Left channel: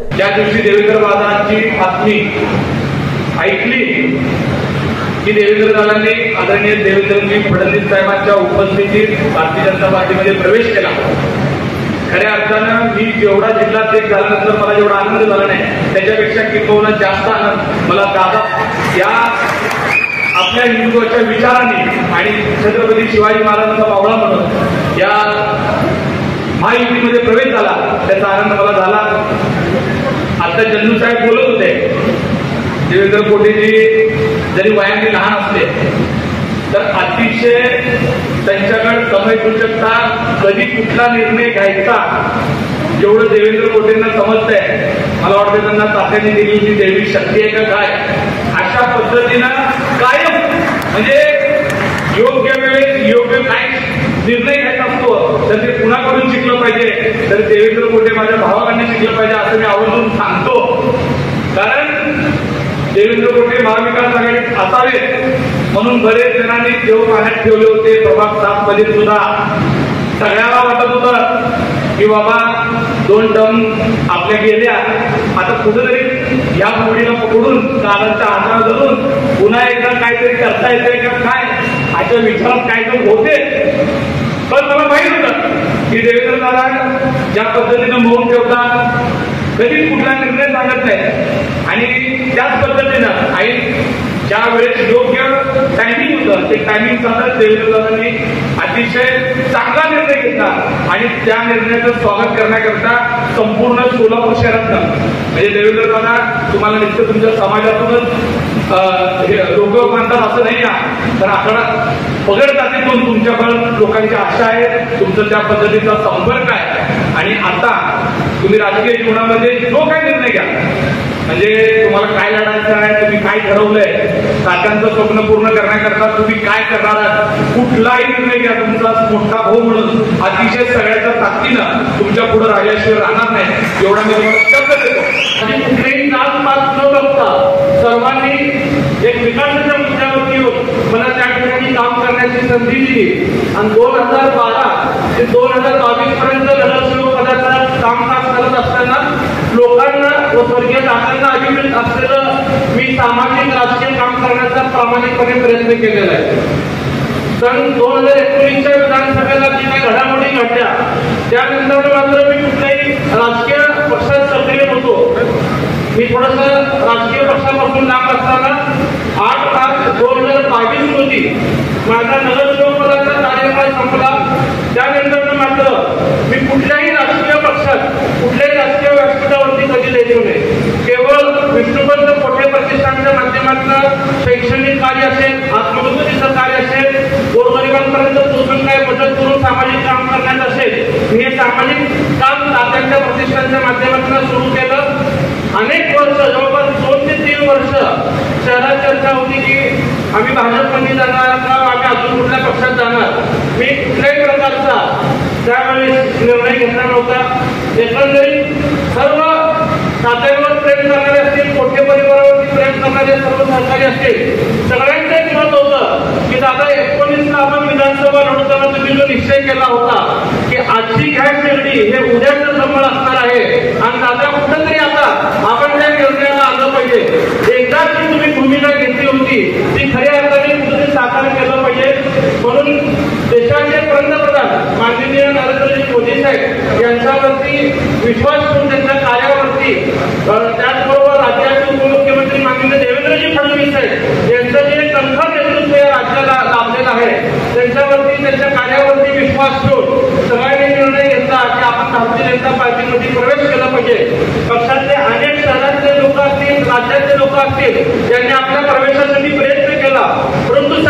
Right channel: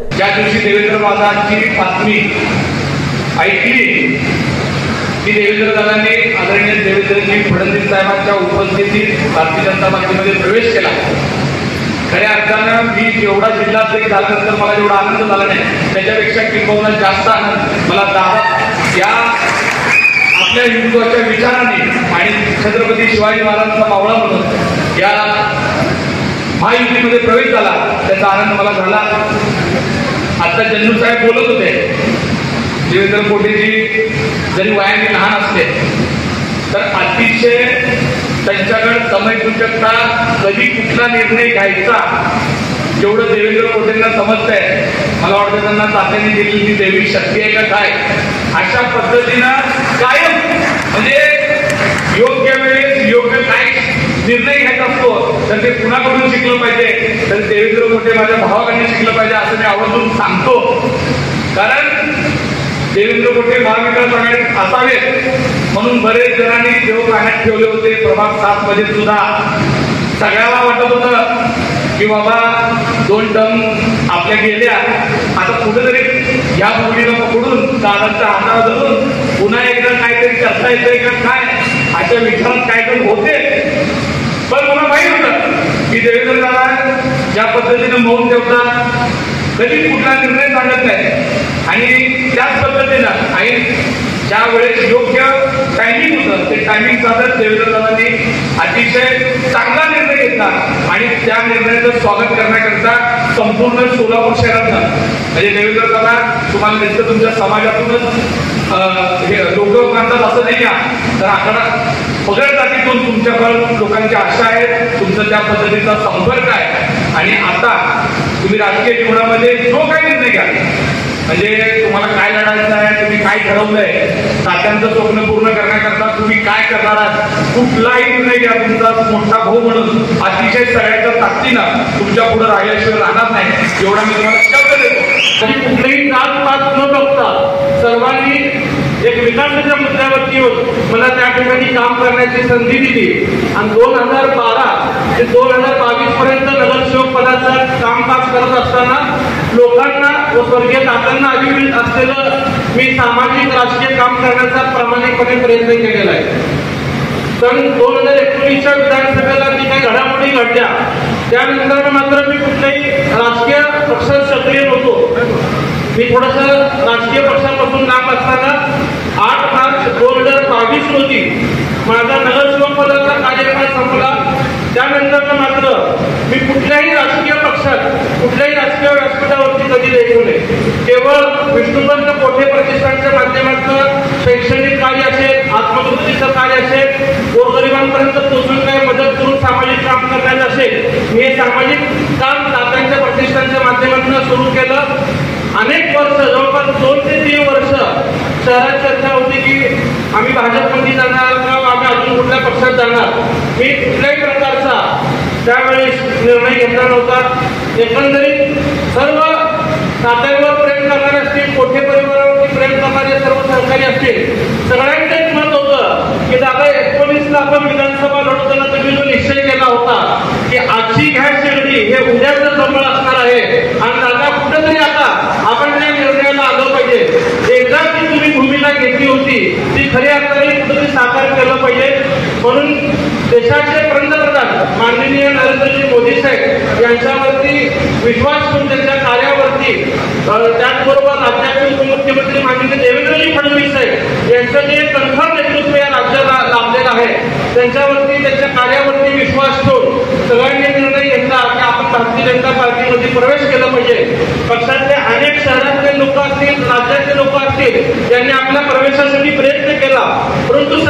ज्या दिवशी देवेंद्र दादांची बातमी ऐकली की देवेंद्र दादांनी आदरणीय देवेंद्रजी फडणवीस साहेबांच्या उपस्थितीत भारतीय जनता पार्टीमध्ये प्रवेश केला, खऱ्या अर्थानं मी जेवढा जिल्हाध्यक्ष झाल्यानंतर मला जेवढा आनंद झाला नाही त्याच्यापेक्षा किंबहुना जास्त आनंद मला दादा या आपल्या हिंदुत्वाच्या विचाराने आणि छत्रपती शिवाजी महाराजांचा मावळा म्हणून या महायुतीमध्ये प्रवेश झाला त्याचा आनंद मला झाला। आता जन्नू साहेब बोलत होते, देवेंद्र कोटेजी जरी वयाने लहान असले तर अतिशय त्यांच्याकडे समयसूचकता, कधी कुठला निर्णय घ्यायचा जेवढं देवेंद्र कोटेंना समजतंय, मला वाटतं त्यांना तात्यांनी दिलेली देवी शक्ती आहे का काय, अशा पद्धतीनं कायम म्हणजे योग्य वेळेस योग्य काय निर्णय घेत असतो तर ते कुणाकडून शिकलं पाहिजे तर देवेंद्र कोटे माझ्या भावाकडून शिकलं पाहिजे असं मी आवर्जून सांगतो। कारण देवेंद्र कोटे महाविकास आघाडीत असावेत म्हणून बरेच जणांनी देव पाण्यात ठेवले होते। प्रभाग 7 मध्ये सुद्धा सगळ्याला वाटत होतं की बाबा 2 टर्म आपल्या गेल्या, आता कुठेतरी या मुलीला पकडून दादांच्या हाताला धरून पुन्हा एकदा काहीतरी करता येतंय का काय अशा विचारात काहीतरी होते। पण मला माहित होतं की देवेंद्र दादा ज्या पद्धतीनं मौन ठेवतात, कधी कुठला निर्णय सांगत नाही आणि त्याच पद्धतीनं आई ज्या वेळेस योग्य टायमिंग होतं ते टायमिंग साधत देवेंद्र दादांनी अतिशय चांगला निर्णय घेतला आणि त्या निर्णयाचं स्वागत करण्याकरता संपूर्ण सोलापूर शहरातनं म्हणजे देवेंद्र दादा तुम्हाला नुसतं तुमच्या समाजातूनच लोक मानतात असं नाही आहे, तर आकडा पगड जातीतून तुमच्याकडे लोकांच्या आशा आहेत, तुमचं त्या पद्धतीचा संपर्क आहे आणि आता तुम्ही राजकीय जीवनामध्ये जो काही निर्णय घ्या म्हणजे तुम्हाला काय लढायचं आहे, तुम्ही काय ठरवलंय, तात्यांचं स्वप्न पूर्ण करण्याकरता तुम्ही काय करणार आहात, कुठलाही निर्णय घ्या तुमचा मोठा भाऊ म्हणून अतिशय सगळ्याच्या ताकदीनं तुमच्या पुढे राहिल्याशिवाय राहणार नाही एवढा मी तुम्हाला शब्द देतो। आणि कुठलेही जात पात न बघता सर्वांनी एक विकासाच्या मुद्द्यावरती मला त्या ठिकाणी काम करण्याची संधी दिली आणि 2012 ते 2022 पर्यंत नगरसेवक पदाचं कामकाज करत असताना लोकांना व स्वर्गीय दादांना अभिप्रेत असलेलं मी सामाजिक राजकीय काम करण्याचा प्रामाणिकपणे प्रयत्न केलेला आहे। सन 2019च्या विधानसभेला जी काही घडामोडी घडल्या त्यानंतर मात्र मी कुठल्याही राजकीय पक्षात सक्रिय नव्हतो। मी थोडंसं राजकीय पक्षापासून लांब असताना 8 मार्च 2022 रोजी माझा नगरसेवक पदाचा कार्यकाळ संपला। त्यानंतर मात्र मी कुठल्याही राजकीय पक्षात कुठल्याही राजकीय व्यासपीठावरती कधी द्यायचो नाही। केवळ विष्णुपंत कोठे प्रतिष्ठानच्या माध्यमातून शैक्षणिक कार्य असेल, आत्मदुरुस्तीचं कार्य असेल, गोरगरिबांपर्यंत पोहोचून काही मदत करून सामाजिक काम करण्याचं असेल, मी हे सामाजिक काम तात्यांच्या प्रतिष्ठानच्या माध्यमातून सुरू केलं। अनेक वर्ष जवळपास 2 ते 3 वर्ष शहरात चर्चा होती की आम्ही भाजपमध्ये जाणार किंवा आम्ही अजून कुठल्या पक्षात जाणार। मी कुठल्याही प्रकारचा त्यावेळेस निर्णय घेतला नव्हता। एकंदरीत सर्व तात्यांवर प्रेम करणारे असतील, कोठे परिवारावरती प्रेम करणारे सर्व सहकारी असतील, सगळ्यांचंच मत होतं की दादा 19ला आपण विधानसभा लढवताना तुम्ही जो निश्चय केला होता की आजची घ्या शिर्डी हे उद्याचं संबळ असणार आहे आणि दादा कुठंतरी आता आपण त्या निर्णयाला आलं पाहिजे। एकदा जी तुम्ही भूमिका घेतली होती ती खऱ्या अर्थाने तुम्ही साकार केलं पाहिजे। म्हणून देशाचे पंतप्रधान माननीय नरेंद्रजी मोदी साहेब यांच्यावरती विश्वास ठेवून त्यांच्या कार्यावरती, त्याचबरोबर राज्याचे उपमुख्यमंत्री माननीय देवेंद्रजी फडणवीस साहेब यांचं जे कणखर नेतृत्व या राज्याला लाभलेलं आहे त्यांच्यावरती, त्यांच्या कार्यावरती विश्वास ठेवून सगळ्यांनी निर्णय घेतला की आपण भारतीय जनता पार्टीमध्ये प्रवेश केला पाहिजे। पक्षातले अनेक शहरातले लोक असतील, राज्यातले लोक असतील, त्यांनी आपल्या प्रवेशासाठी प्रयत्न केला, परंतु